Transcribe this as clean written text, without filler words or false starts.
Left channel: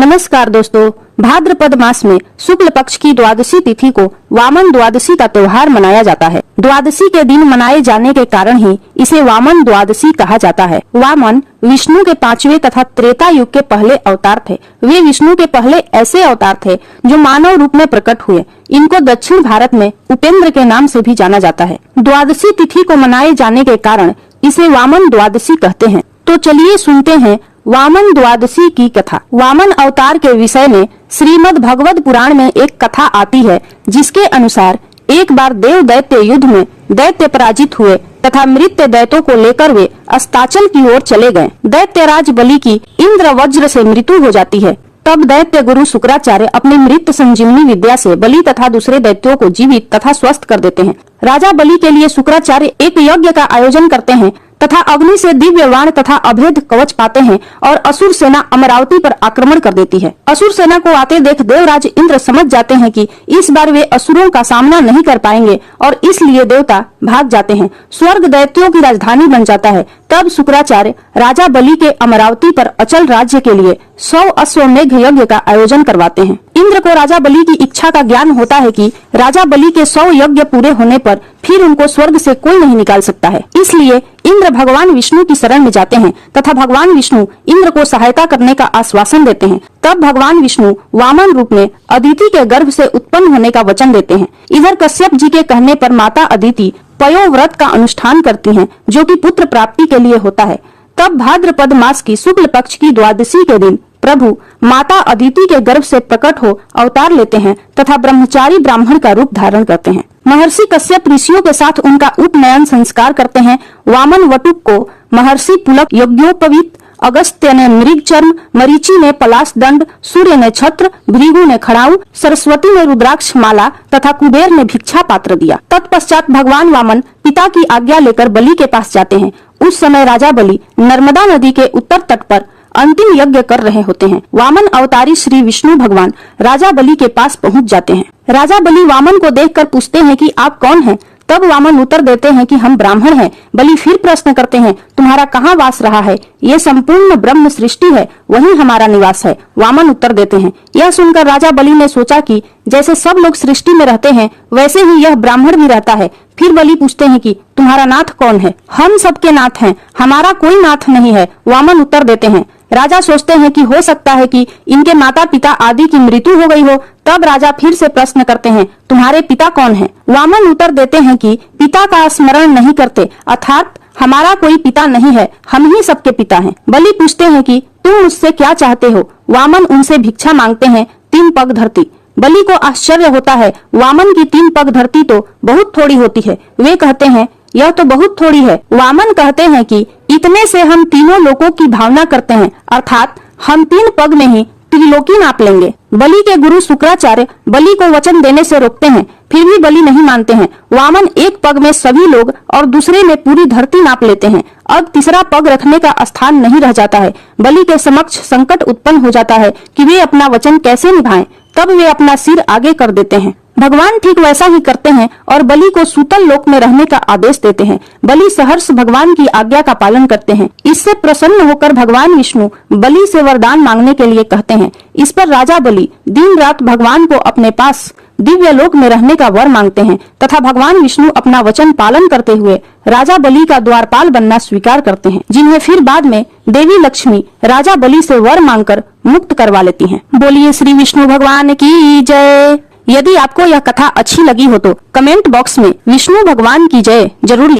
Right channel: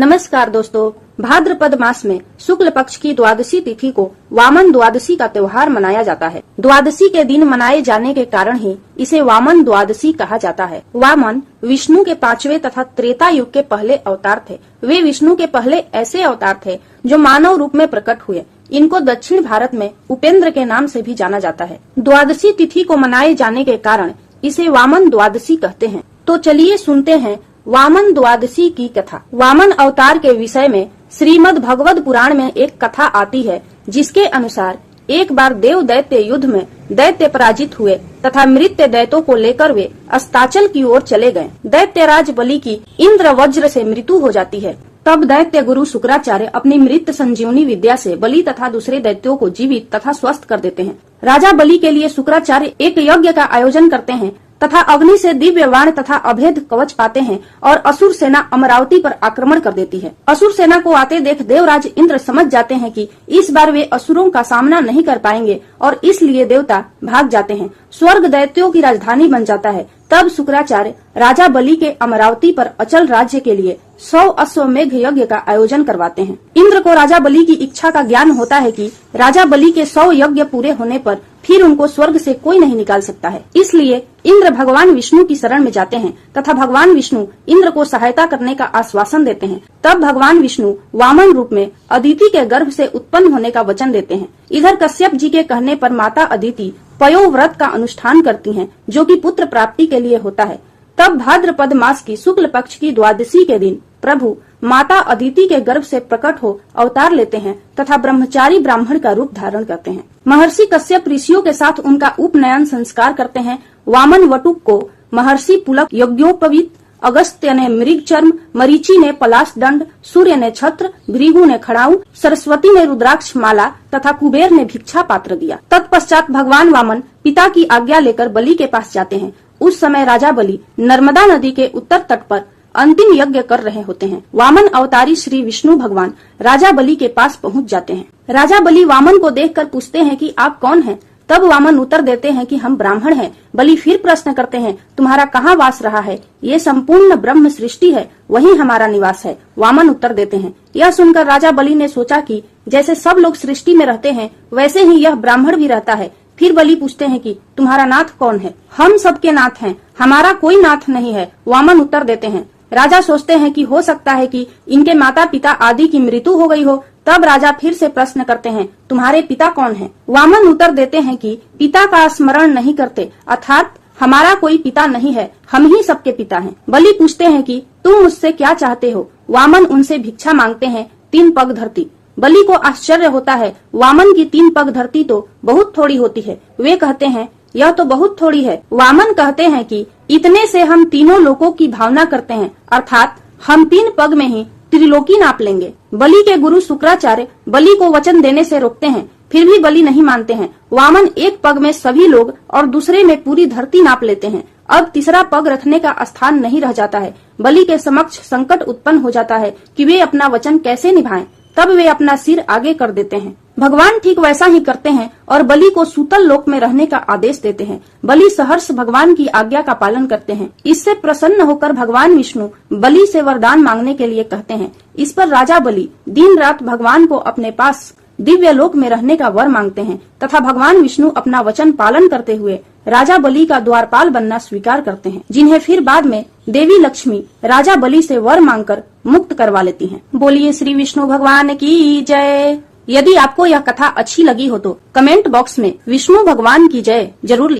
नमस्कार दोस्तों, भाद्रपद मास में शुक्ल पक्ष की द्वादशी तिथि को वामन द्वादशी का त्योहार मनाया जाता है। द्वादशी के दिन मनाए जाने के कारण ही इसे वामन द्वादशी कहा जाता है। वामन विष्णु के 5वें तथा त्रेता युग के पहले अवतार थे। वे विष्णु के पहले ऐसे अवतार थे जो मानव रूप में प्रकट हुए। इनको दक्षिण भारत में उपेंद्र के नाम से भी जाना जाता है। द्वादशी तिथि को मनाए जाने के कारण इसे वामन द्वादशी कहते हैं। तो चलिए सुनते हैं वामन द्वादशी की कथा। वामन अवतार के विषय में श्रीमद् भगवत पुराण में एक कथा आती है, जिसके अनुसार एक बार देव दैत्य युद्ध में दैत्य पराजित हुए तथा मृत्य दैत्यों को लेकर वे अस्ताचल की ओर चले गए। दैत्यराज बलि की इंद्र वज्र से मृत्यु हो जाती है। तब दैत्य गुरु शुक्राचार्य अपनी मृत संजीवनी विद्या से बलि तथा दूसरे दैत्यों को जीवित तथा स्वस्थ कर देते हैं। राजा बलि के लिए शुक्राचार्य एक यज्ञ का आयोजन करते हैं तथा अग्नि से दिव्य वाण तथा अभेद कवच पाते हैं और असुर सेना अमरावती पर आक्रमण कर देती है। असुर सेना को आते देख देवराज इंद्र समझ जाते हैं कि इस बार वे असुरों का सामना नहीं कर पाएंगे और इसलिए देवता भाग जाते हैं। स्वर्ग दैत्यों की राजधानी बन जाता है। तब शुक्राचार्य राजा बलि के अमरावती पर अचल राज्य के लिए 100 अश्वमेघ यज्ञ का आयोजन करवाते हैं। इंद्र को राजा बलि की इच्छा का ज्ञान होता है कि राजा बलि के 100 यज्ञ पूरे होने पर फिर उनको स्वर्ग से कोई नहीं निकाल सकता है। इसलिए इंद्र भगवान विष्णु की शरण में जाते हैं तथा भगवान विष्णु इंद्र को सहायता करने का आश्वासन देते हैं। तब भगवान विष्णु वामन रूप में अदिति के गर्भ से उत्पन्न होने का वचन देते हैं। इधर कश्यप जी के कहने पर माता अदिति पयोव्रत का अनुष्ठान करती हैं, जो कि पुत्र प्राप्ति के लिए होता है। तब भाद्रपद मास की शुक्ल पक्ष की द्वादशी के दिन प्रभु माता अदिति के गर्भ से प्रकट हो अवतार लेते हैं तथा ब्रह्मचारी ब्राह्मण का रूप धारण करते हैं। महर्षि कश्यप ऋषियों के साथ उनका उपनयन संस्कार करते हैं। वामन वटुक को महर्षि पुलक यज्ञोपवीत, अगस्त्य ने मृग चर्म, मरीचि ने पलाश दंड, सूर्य ने छत्र, भृगु ने खड़ाऊ, सरस्वती ने रुद्राक्ष माला तथा कुबेर ने भिक्षा पात्र दिया। तत्पश्चात भगवान वामन पिता की आज्ञा लेकर बलि के पास जाते हैं। उस समय राजा बलि नर्मदा नदी के उत्तर तट पर अंतिम यज्ञ कर रहे होते हैं। वामन अवतारी श्री विष्णु भगवान राजा बलि के पास पहुंच जाते हैं। राजा बलि वामन को देखकर पूछते हैं कि आप कौन हैं? तब वामन उत्तर देते हैं कि हम ब्राह्मण हैं। बलि फिर प्रश्न करते हैं, तुम्हारा कहाँ वास रहा है? ये संपूर्ण ब्रह्म सृष्टि है, वही हमारा निवास है। वामन उत्तर देते हैं। यह सुनकर राजा बलि ने सोचा कि जैसे सब लोग सृष्टि में रहते हैं, वैसे ही यह ब्राह्मण भी रहता है। फिर बलि पूछते हैं कि तुम्हारा नाथ कौन है? हम सबके नाथ हैं, हमारा कोई नाथ नहीं है। वामन उत्तर देते हैं। राजा सोचते हैं कि हो सकता है कि इनके माता पिता आदि की मृत्यु हो गई हो। तब राजा फिर से प्रश्न करते हैं, तुम्हारे पिता कौन हैं? वामन उत्तर देते हैं कि पिता का स्मरण नहीं करते, अर्थात हमारा कोई पिता नहीं है, हम ही सबके पिता हैं। बलि पूछते हैं कि तुम मुझसे क्या चाहते हो? वामन उनसे भिक्षा मांगते हैं, 3 पग धरती। बलि को आश्चर्य होता है, वामन की 3 पग धरती तो बहुत थोड़ी होती है। वे कहते हैं, यह तो बहुत थोड़ी है। वामन कहते हैं कि इतने से हम तीनों लोकों की भावना करते हैं, अर्थात हम 3 पग में ही त्रिलोकी नाप लेंगे। बलि के गुरु शुक्राचार्य बलि को वचन देने से रोकते हैं, फिर भी बलि नहीं मानते हैं। वामन एक पग में सभी लोग और दूसरे में पूरी धरती नाप लेते हैं। अब तीसरा पग रखने का स्थान नहीं रह जाता है। बलि के समक्ष संकट उत्पन्न हो जाता है कि वे अपना वचन कैसे निभाएं। तब वे अपना सिर आगे कर देते हैं। भगवान ठीक वैसा ही करते हैं और बलि को सूतल लोक में रहने का आदेश देते हैं। बलि सहर्ष भगवान की आज्ञा का पालन करते हैं। इससे प्रसन्न होकर भगवान विष्णु बलि से वरदान मांगने के लिए कहते हैं। इस पर राजा बलि दिन रात भगवान को अपने पास दिव्य लोक में रहने का वर मांगते हैं तथा भगवान विष्णु अपना वचन पालन करते हुए राजा बलि का द्वारपाल बनना स्वीकार करते हैं, जिन्हें फिर बाद में देवी लक्ष्मी राजा बलि से वर मांगकर मुक्त करवा लेती हैं। बोलिए श्री विष्णु भगवान की जय। यदि आपको यह कथा अच्छी लगी हो तो कमेंट बॉक्स में विष्णु भगवान की जय जरूर